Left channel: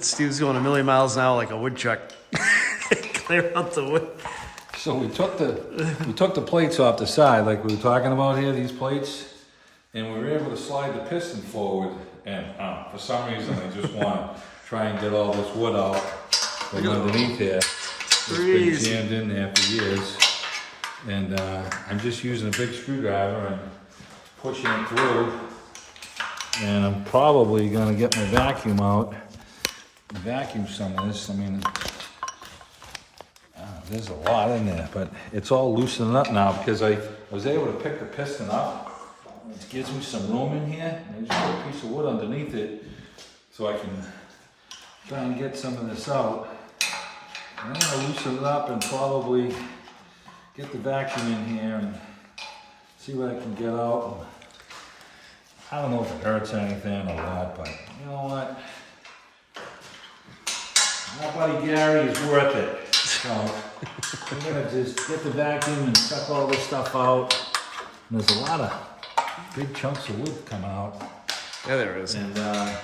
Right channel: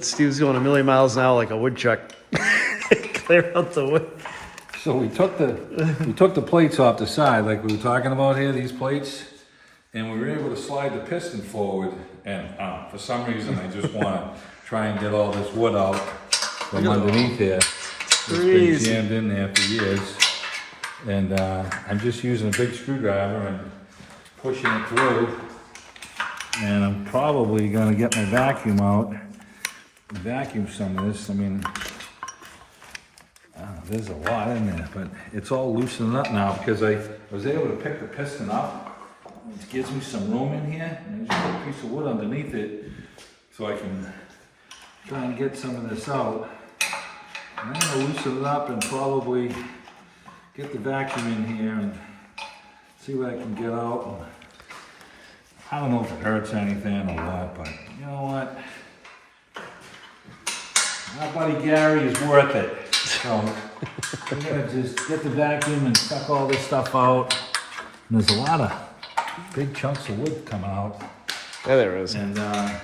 Steve's going a million miles an hour like a woodchuck. Clear out the wood. So we took the plates off the side, like we were talking about here, these plates, and we were able to slide the piston forward. And for some reason, I just want to try and get all this wood out from underneath here. It's been jammed in there for years, and I'm just using a big screwdriver and pushing it through. And I'm probably going to get my vacuum out and vacuum some of this. I mean, there's a lot in there, but it's all loosening up now because I was able to pick the piston up. It gives me some room in here, and there's just a piece of wood underneath it, so I can try and get some of this out. And I'm going to loosen it up and probably get the vacuum in here and see what I can get out. I don't know if it hurts anything or what, but you know what? My buddy Gary is worth it. So I'm gonna just get the vacuum and suck all this stuff out. And there's a lot of big chunks of wood coming out. Yeah, there is. And we'll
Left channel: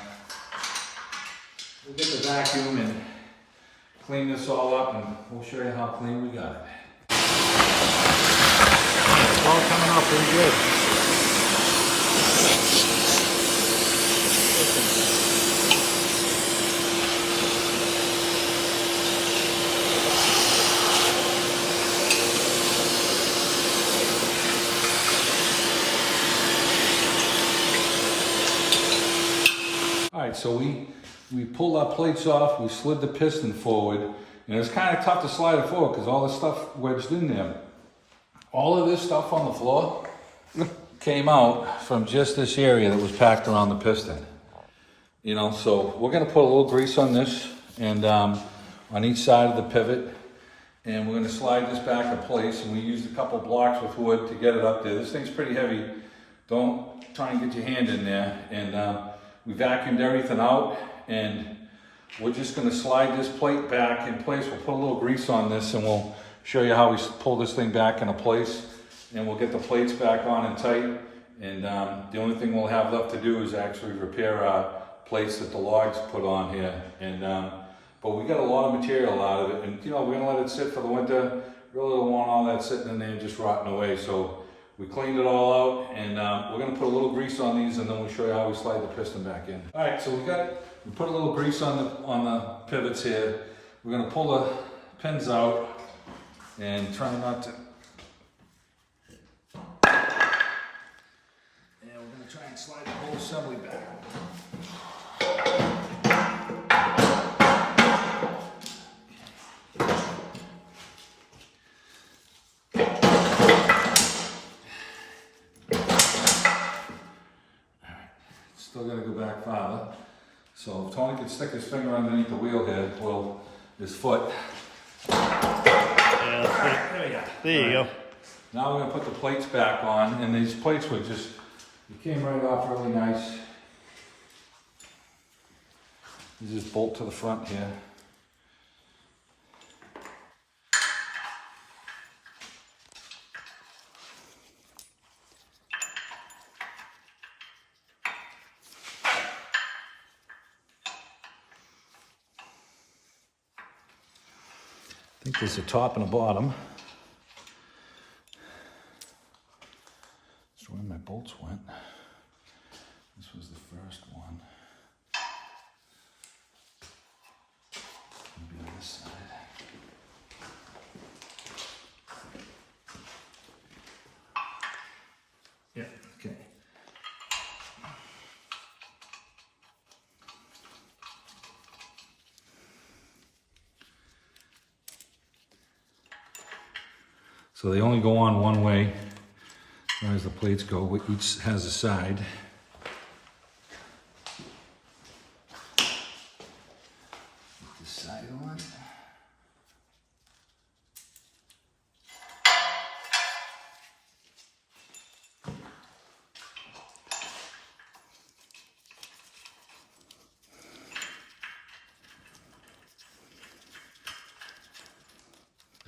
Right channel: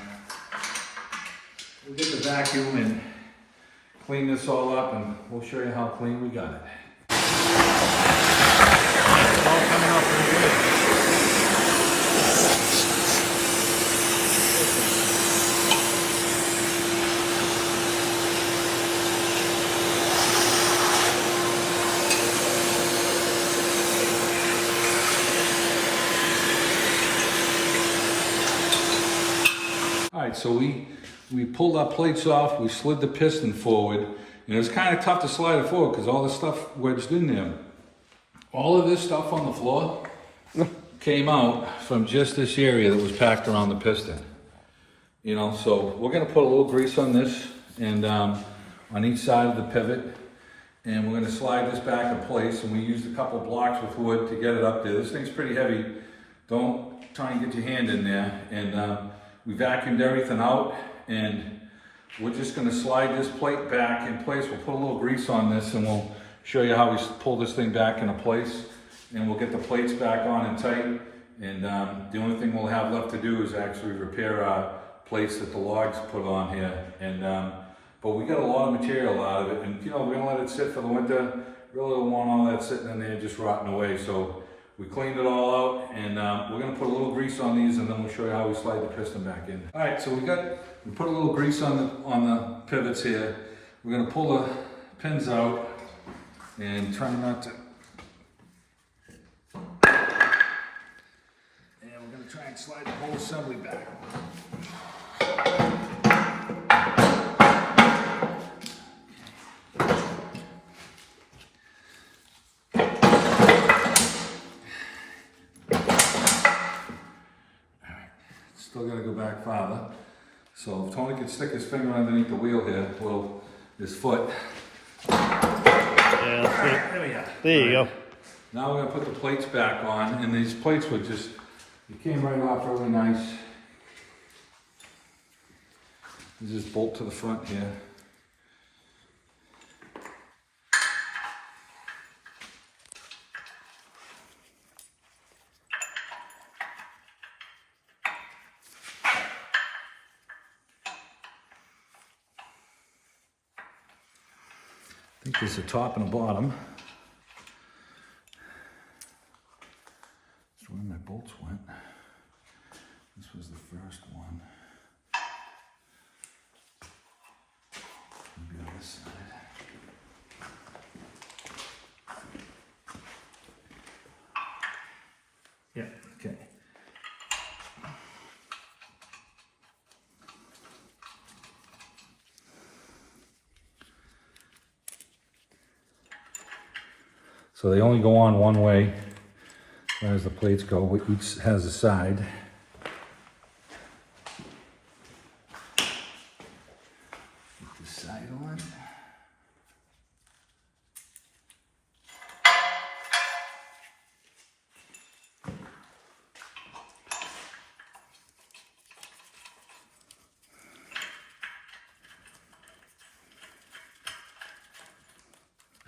get the vacuum and clean this all up, and we'll show you how clean we got it. All coming up pretty good. All right, so we pulled our plates off, we slid the piston forward, and it was kind of tough to slide it forward because all the stuff wedged in there. All of this stuff on the floor came out from just this area that was packed around the piston. You know, so we're gonna put a little grease on this and on each side of the pivot, and we're gonna slide this back in place, and we used a couple blocks with wood to get it up there. This thing's pretty heavy. Don't try and get your hand in there. And we vacuumed everything out, and we're just going to slide this plate back in place. We'll put a little grease on this, and we'll show you how we pull this thing back into place. And we'll get the plates back on and tight. And the only thing we'll have left to do is actually repair our plates that the logs put on here. And but we got a lot of material out of it, and you know, we're going to let it sit for the winter. Really don't want all that sitting in there just rotting away. So we cleaned it all out, and we're going to put a little grease on these, and then we'll show you how we slide the piston back in. All right, so we put a little grease on the pivots here. We're going to pull the pins out and try not to. And we're going to try and slide the whole assembly back. Still got to go back farther. So if Tony could stick his finger underneath the wheel here, well, his foot. Yeah, there you go. Now we're going to put the plates back on, and these plates were just, it came right off really nice. You just bolt to the front here. I think there's a top and a bottom. That's where my bolts went. This was the first one. Maybe on this side. Yeah, okay. So they only go on one way, as far as the plates go. Each has a side. Put this side on.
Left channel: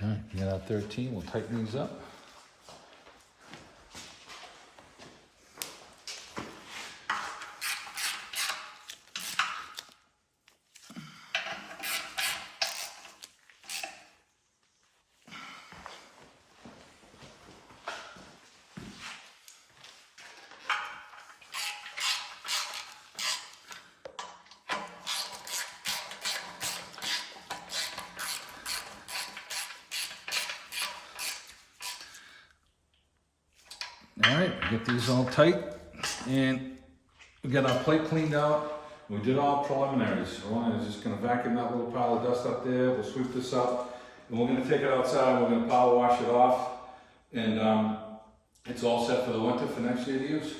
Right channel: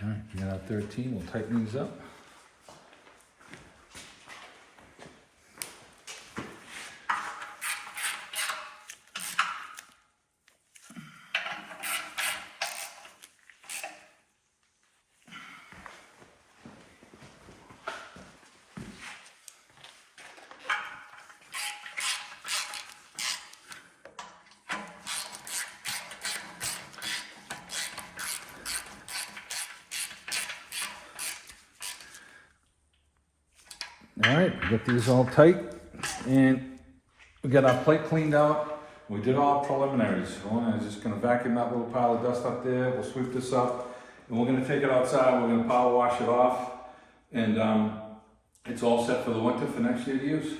All right, we got our 13, we'll tighten these up. All right, we get these all tight, and we got our plate cleaned out. We did all preliminaries. I'm just gonna vacuum that little pile of dust up there. We'll sweep this up, and we're gonna take it outside. We're gonna power wash it off, and it's all set for the winter for next year to use.